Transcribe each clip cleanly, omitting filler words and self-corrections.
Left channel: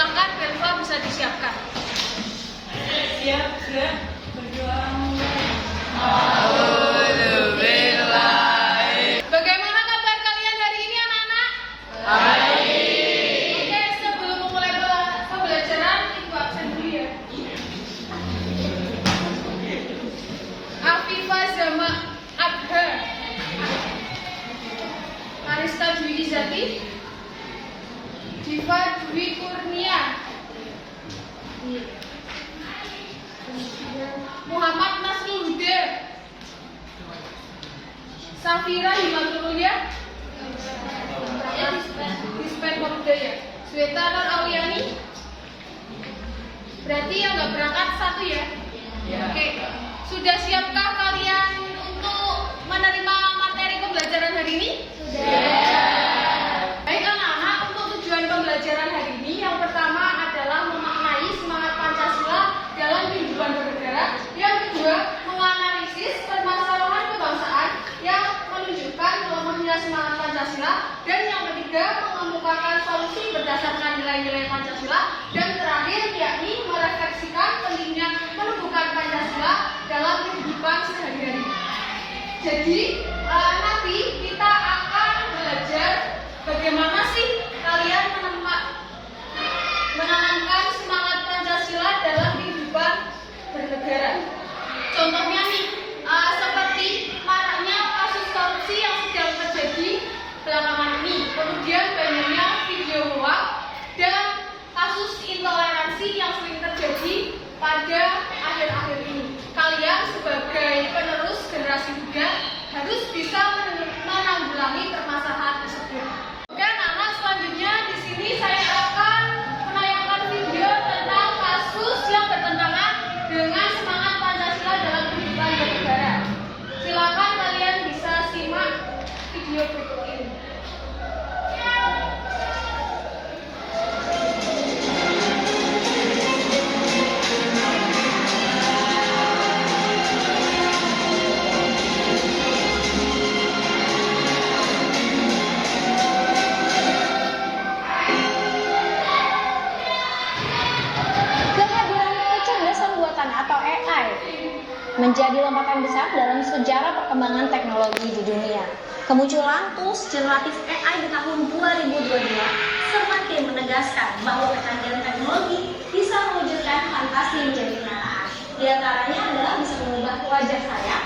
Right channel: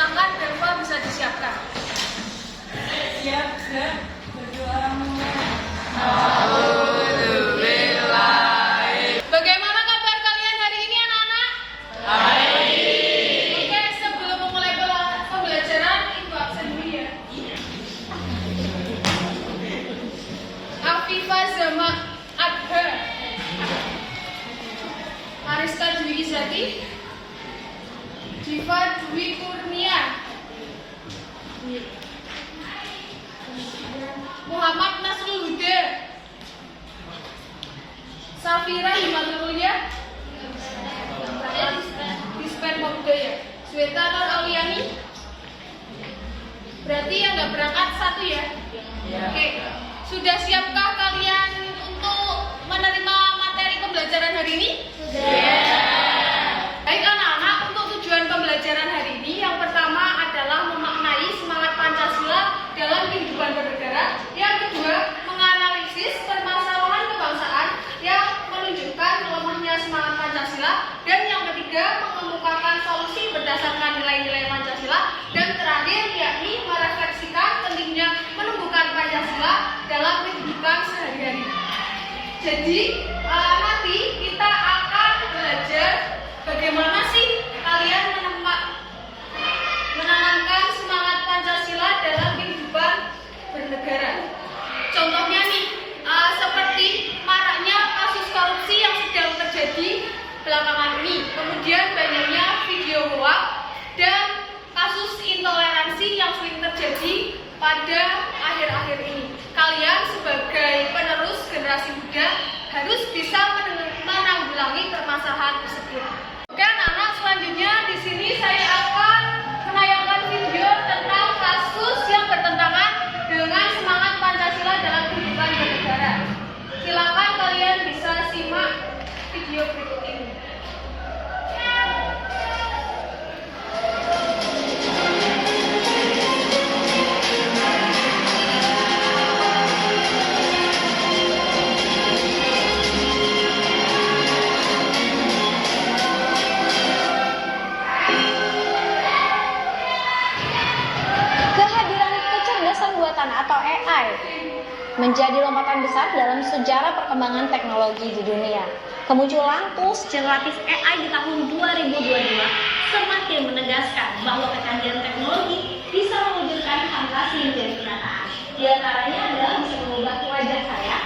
Silahkan Belva bisa disiapkan. Siap, sudah berjuang. Bagaimana kabar kalian hari ini anak-anak? Baik. Oke, sebelum memulai pembelajaran, ibu absen dulu ya. Afifah Zama Adha, Arista Dwi Izati, Diva Dwi Kurnia, Muhammad Nasrul Huda, Safira Himatul Mulia, Dispen Pemuda ya, Sweta Nur Auliani. Berarti yang nggak berangkat satu ya? Oke. Sudah siapkah kalian untuk menerima materi pembelajaran hari ini? Sudah. Baik anak-anak, untuk tujuan pembelajaran hari ini yang pertama adalah memaknai semangat Pancasila dalam kehidupan bernegara. Yang kedua, menganalisis permasalahan kebangsaan yang menunjukkan melemahnya semangat Pancasila. Dan yang ketiga, mengemukakan solusi berdasarkan nilai-nilai Pancasila. Dan terakhir, yakni merefleksikan pentingnya menumbuhkan Pancasila dalam kehidupan sehari-hari. Jadi nanti kita akan belajar bagaimana sih kalian menanamkan semangat Pancasila dalam kehidupan bernegara. Contohnya nih, seperti maraknya kasus korupsi yang sedang terjadi belakangan ini, kemudian banyaknya video hoax dan kasus intoleransi yang sering terjadi pada akhir-akhir ini. Kalian sebagai penerus generasi muda harus bisa menanggulangi permasalahan tersebut. Oke anak-anak, selanjutnya di sini saya akan menayangkan video tentang kasus yang bertentangan dengan semangat Pancasila dalam kehidupan bernegara. Silakan kalian bisa simak video berikut ini. Atau AI menjadi lompatan besar dalam sejarah perkembangan teknologi di dunia. Kemunculan tools generatif AI di tahun 2022 semakin menegaskan bahwa kecanggihan teknologi bisa mewujudkan fantasi menjadi kenyataan. Di antaranya adalah bisa mengubah wajah saya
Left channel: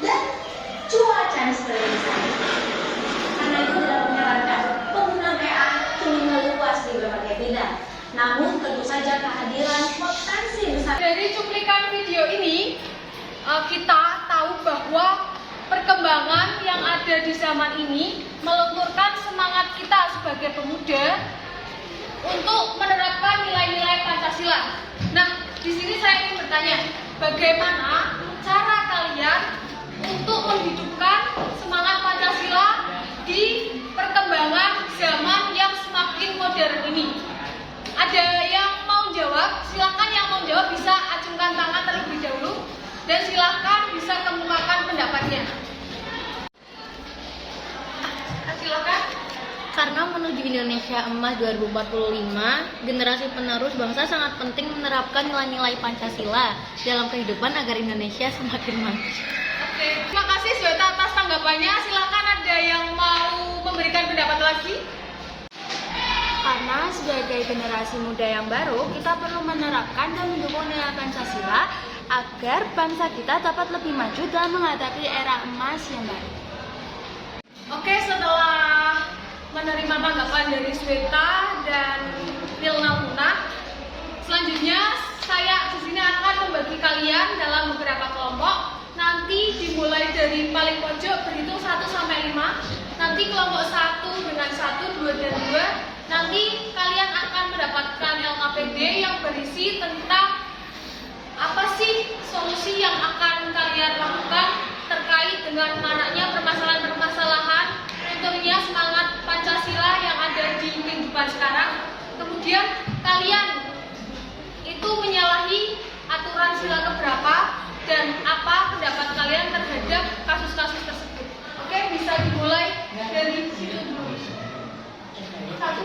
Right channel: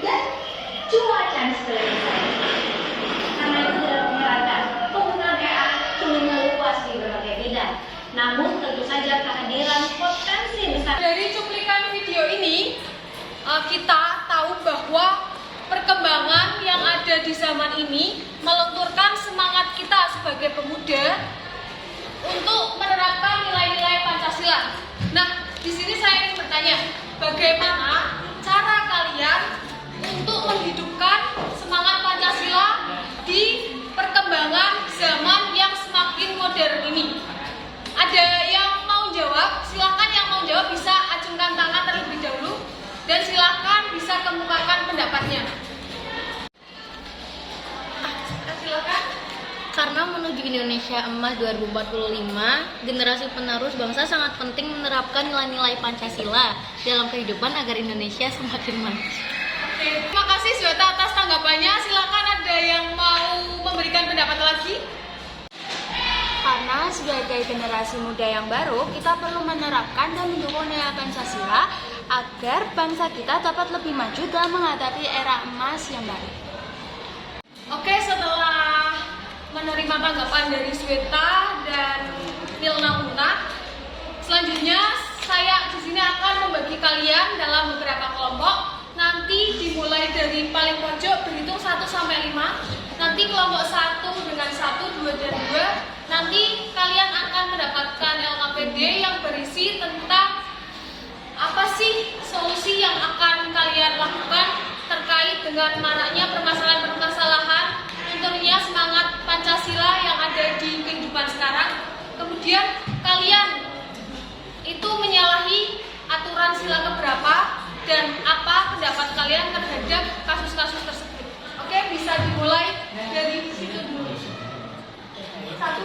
dan cuaca di sekeliling saya. Karena itu tidak menyarankan penggunaan AI kini meluas di berbagai bidang. Namun tentu saja kehadiran potensi besar. Dari cuplikan video ini, kita tahu bahwa perkembangan yang ada di zaman ini melenturkan semangat kita sebagai pemuda untuk menerapkan nilai-nilai Pancasila. Nah, di sini saya ingin bertanya, bagaimana cara kalian untuk menghidupkan semangat Pancasila di perkembangan zaman yang semakin modern ini? Ada yang mau jawab? Silakan yang mau jawab bisa acungkan tangan terlebih dahulu dan silakan bisa kemukakan pendapatnya. Silakan. Karena menuju Indonesia Emas 2045, generasi penerus bangsa sangat penting menerapkan nilai-nilai Pancasila dalam kehidupan agar Indonesia semakin maju. Oke, terima kasih Sweta atas tanggapannya. Silakan ada yang mau memberikan pendapat lagi? Karena sebagai generasi muda yang baru, kita perlu menerapkan dan mendukung nilai Pancasila agar bangsa kita dapat lebih maju dalam menghadapi era emas yang baru. Oke, setelah menerima tanggapan dari Sweta dan Nilna Muna, selanjutnya saya di sini akan membagi kalian dalam beberapa kelompok. Nanti dimulai dari paling pojok berhitung 1 sampai 5. Nanti kelompok 1 dengan 1, 2 dan 2. Nanti kalian akan mendapatkan LKPD yang berisi tentang apa sih solusi yang akan kalian lakukan terkait dengan maraknya permasalahan-permasalahan, tentunya semangat Pancasila yang ada di kehidupan sekarang. Kemudian kalian itu menyalahi aturan sila keberapa dan apa pendapat kalian terhadap kasus-kasus tersebut. Oke, bisa dimulai dari situ dulu. 1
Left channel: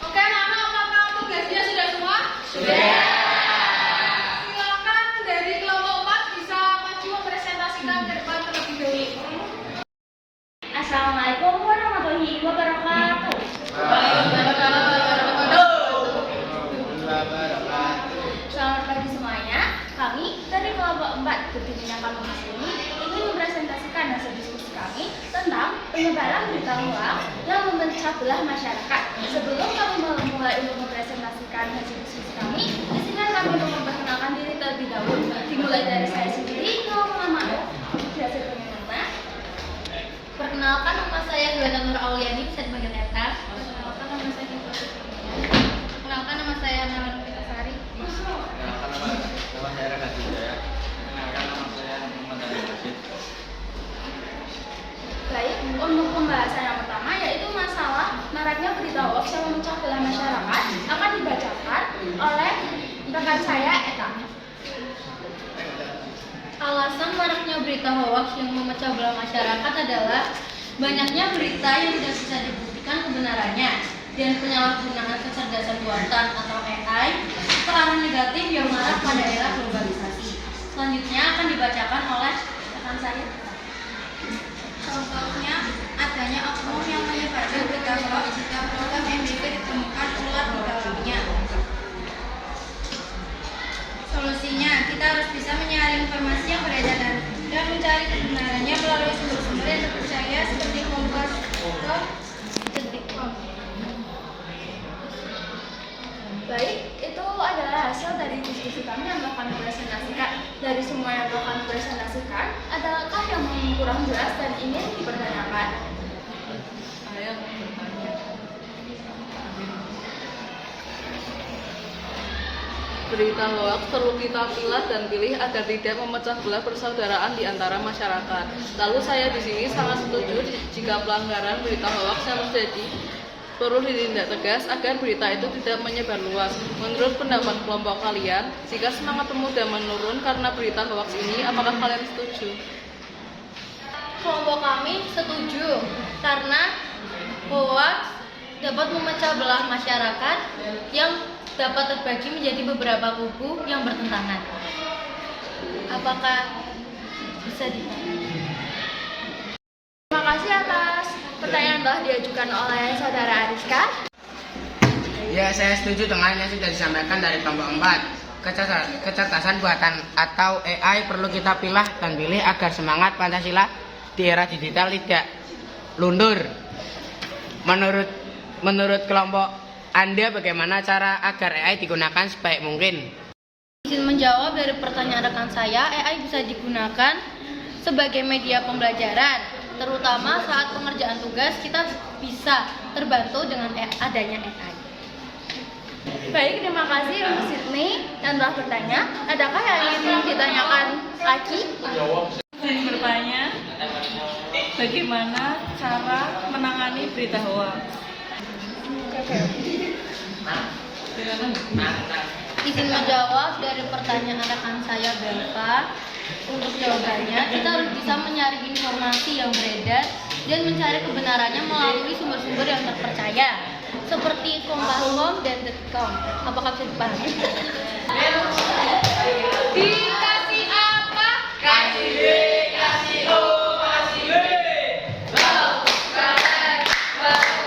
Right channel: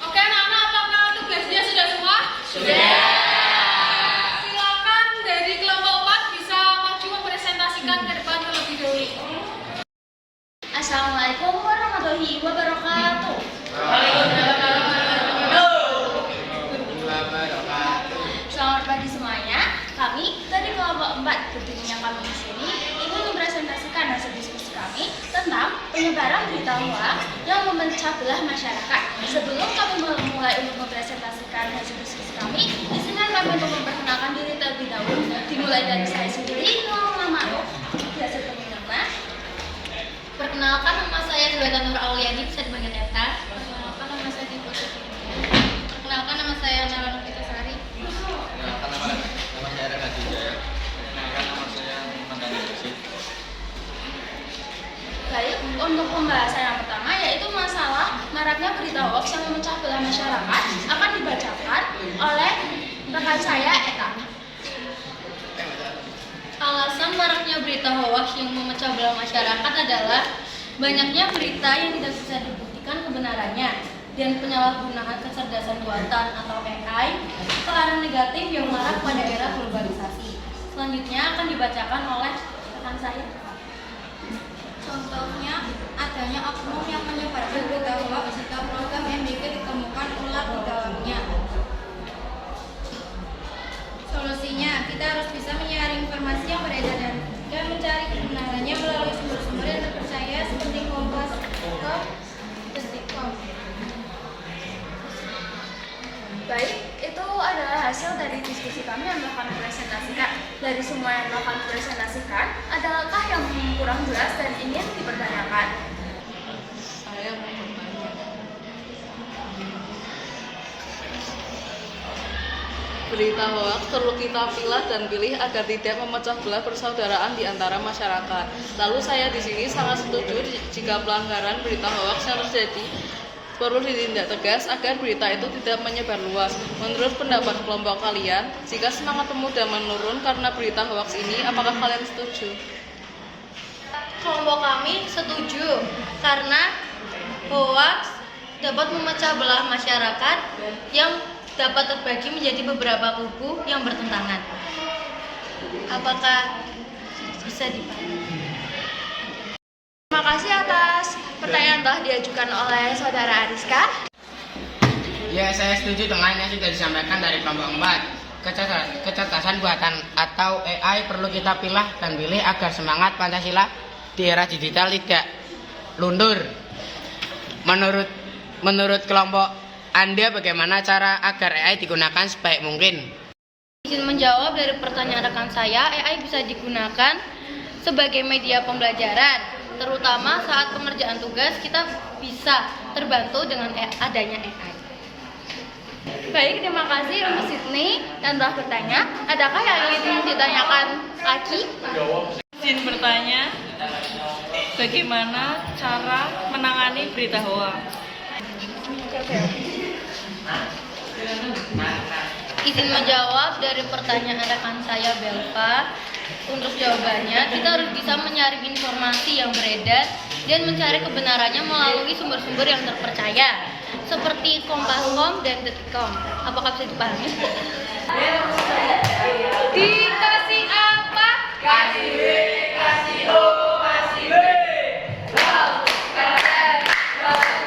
Oke anak-anak, apakah tugasnya sudah semua? Sudah. Silakan dari kelompok 4 bisa maju mempresentasikan ke depan terlebih dahulu. Assalamualaikum warahmatullahi wabarakatuh. Selamat pagi semuanya. Kami dari kelompok 4 berdiri yang kami di sini ingin mempresentasikan hasil diskusi kami tentang penyebaran berita hoax yang memecah belah masyarakat. Sebelum kami memulai untuk mempresentasikan hasil diskusi kami, di sini kami untuk memperkenalkan diri terlebih dahulu. Dimulai dari saya sendiri, nama biasa nama. Perkenalkan, nama saya Zubaida Nur Auliani, bisa dipanggil Eta. Perkenalkan, nama saya Dipo Sukurnia. Perkenalkan, nama saya Nala Novita Sari. Nama saya Rena Jaya. Nama saya Muhammad Daniel Rashid. Baik, untuk pembahasan yang pertama yaitu masalah maraknya berita hoax yang memecah belah masyarakat akan dibacakan oleh rekan saya Eta. Alasan maraknya berita hoax yang memecah belah masyarakat adalah banyaknya berita yang tidak bisa dibuktikan kebenarannya dan penyalahgunaan kecerdasan buatan atau AI ke arah negatif yang marak pada era globalisasi. Selanjutnya akan dibacakan oleh rekan saya. Contohnya, adanya oknum yang menyebarkan berita hoax jika program MDP ditemukan ular di dalamnya. Solusinya, kita harus bisa menyaring informasi yang beredar dan mencari kebenarannya melalui sumber-sumber yang terpercaya seperti Kompas atau Detikcom. Baik, itu adalah hasil dari diskusi kami yang telah kami presentasikan. Dari semua yang telah kami presentasikan, adakah yang kurang jelas dan ingin dipertanyakan? Saya mau bertanya. Berita hoax perlu kita pilah dan pilih agar tidak memecah belah persaudaraan di antara masyarakat. Lalu saya di sini sangat setuju jika pelanggaran berita hoax yang terjadi perlu ditindak tegas agar berita itu tidak menyebar luas. Menurut pendapat kelompok kalian, jika semangat pemuda menurun karena berita hoax ini, apakah kalian setuju? Kelompok kami setuju karena hoax dapat memecah belah masyarakat yang dapat terbagi menjadi beberapa kubu yang bertentangan. Apakah bisa dipahami? Terima kasih atas pertanyaan telah diajukan oleh saudara Ariska. Ya, saya setuju dengan yang sudah disampaikan dari kelompok 4. Kecerdasan buatan atau AI perlu kita pilah dan pilih agar semangat Pancasila di era digital tidak luntur. Menurut kelompok Anda, bagaimana cara agar AI digunakan sebaik mungkin? Izin menjawab dari pertanyaan rekan saya, AI bisa digunakan sebagai media pembelajaran, terutama saat pengerjaan tugas kita bisa terbantu dengan adanya AI. Baik, terima kasih untuk Sydney yang telah bertanya. Adakah yang ingin ditanyakan lagi? Izin bertanya, bagaimana cara menangani berita hoax? izin menjawab dari pertanyaan rekan saya Belva. Untuk jawabannya, kita harus bisa menyaring informasi yang beredar dan mencari kebenarannya melalui sumber-sumber yang terpercaya, seperti Kompas.com dan Detik.com. Apakah bisa dipahami? Dikasih apa? Kasih B, kasih O, kasih B. Wow, keren.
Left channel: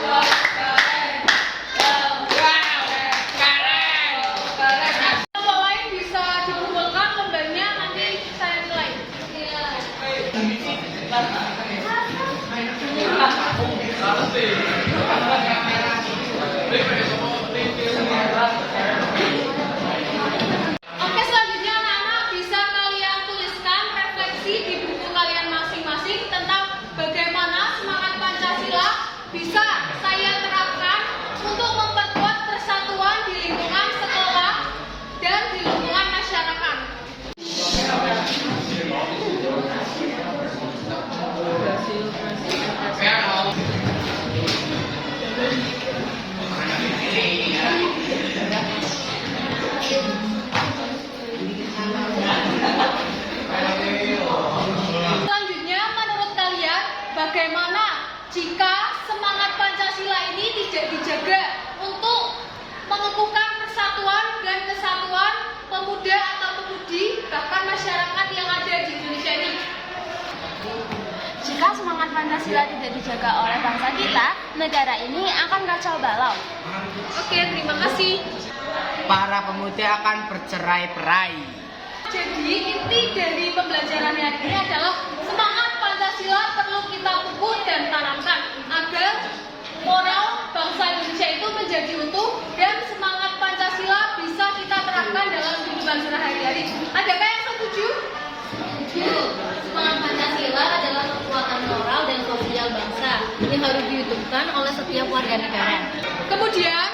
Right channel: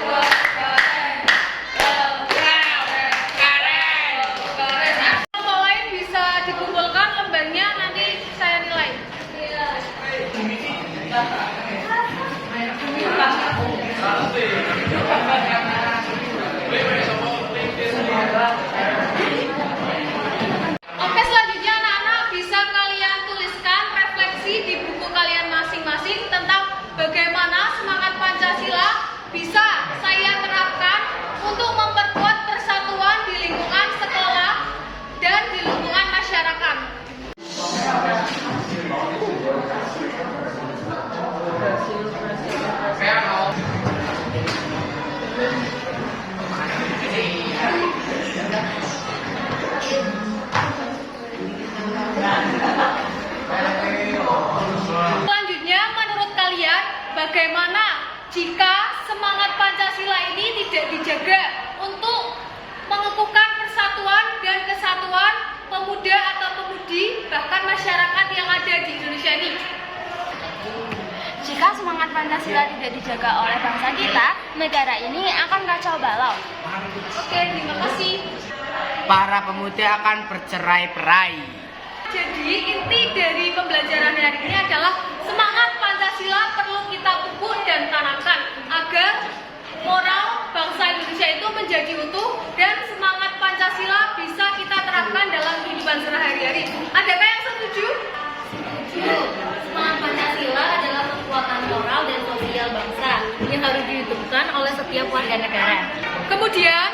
Wow, keren. Keren. Kelompok lain bisa dikumpulkan lembarnya, nanti saya nilai. Oke, selanjutnya anak-anak bisa kalian tuliskan refleksi di buku kalian masing-masing tentang bagaimana semangat Pancasila bisa saya terapkan untuk memperkuat persatuan di lingkungan sekolah dan di lingkungan masyarakat. Selanjutnya, menurut kalian, bagaimana jika semangat Pancasila ini tidak dijaga untuk mengukuhkan persatuan dan kesatuan pemuda atau pemudi, bahkan masyarakat yang ada di Indonesia ini? Jika semangat Pancasila tidak dijaga oleh bangsa kita, negara ini akan kacau balau. Oke, terima kasih. Para pemuda akan bercerai-berai. Jadi inti dari pembelajaran hari ini adalah semangat Pancasila perlu kita pupuk dan tanamkan agar moral bangsa Indonesia itu menjadi utuh dan semangat Pancasila bisa kita terapkan dalam kehidupan sehari-hari. Adakah yang setuju? Setuju. Semangat Pancasila adalah kekuatan moral dan sosial bangsa yang harus dihidupkan oleh setiap warga negara. Kemudian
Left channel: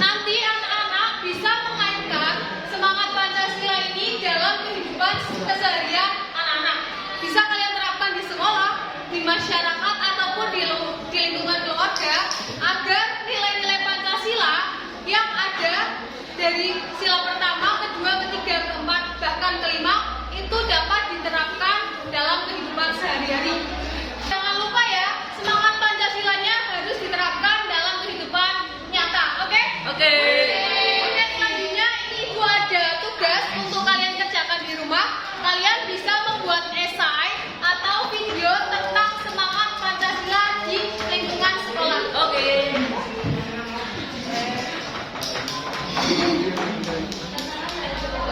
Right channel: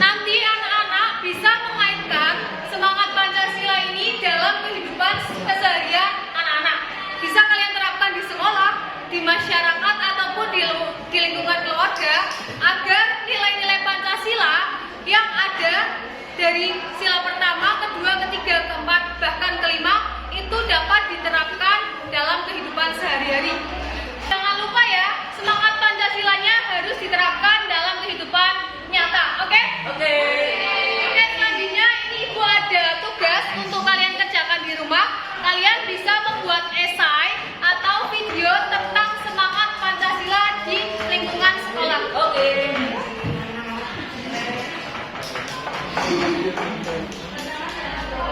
nanti anak-anak bisa mengaitkan semangat Pancasila ini dalam kehidupan keseharian anak-anak. Bisa kalian terapkan di sekolah, di masyarakat ataupun di lingkungan keluarga agar nilai-nilai Pancasila yang ada dari sila pertama, kedua, ketiga, keempat, bahkan kelima itu dapat diterapkan dalam kehidupan sehari-hari. Jangan lupa ya, semangat Pancasilanya harus diterapkan dalam kehidupan nyata. Oke? Oke, selanjutnya Ibu ada tugas untuk kalian kerjakan di rumah. Kalian bisa membuat esai atau video tentang semangat Pancasila di lingkungan sekolah. Oke.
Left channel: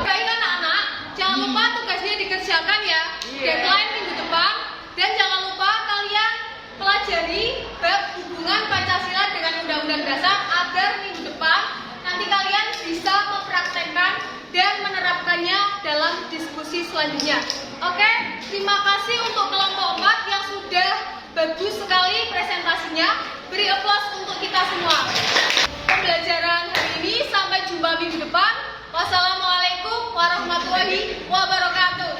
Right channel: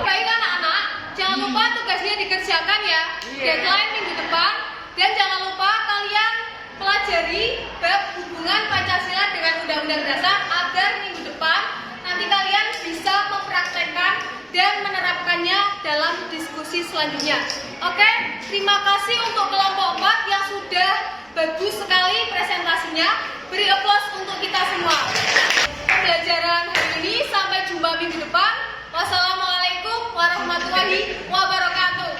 Baik anak-anak, jangan lupa tugasnya dikerjakan ya. Deadline minggu depan. Dan jangan lupa kalian pelajari bab hubungan Pancasila dengan Undang-Undang Dasar agar minggu depan nanti kalian bisa mempraktekkan dan menerapkannya dalam diskusi selanjutnya. Oke, terima kasih untuk kelompok 4 yang sudah bagus sekali presentasinya. Beri aplaus untuk kita semua. Pembelajaran hari ini sampai jumpa minggu depan. Wassalamualaikum warahmatullahi wabarakatuh.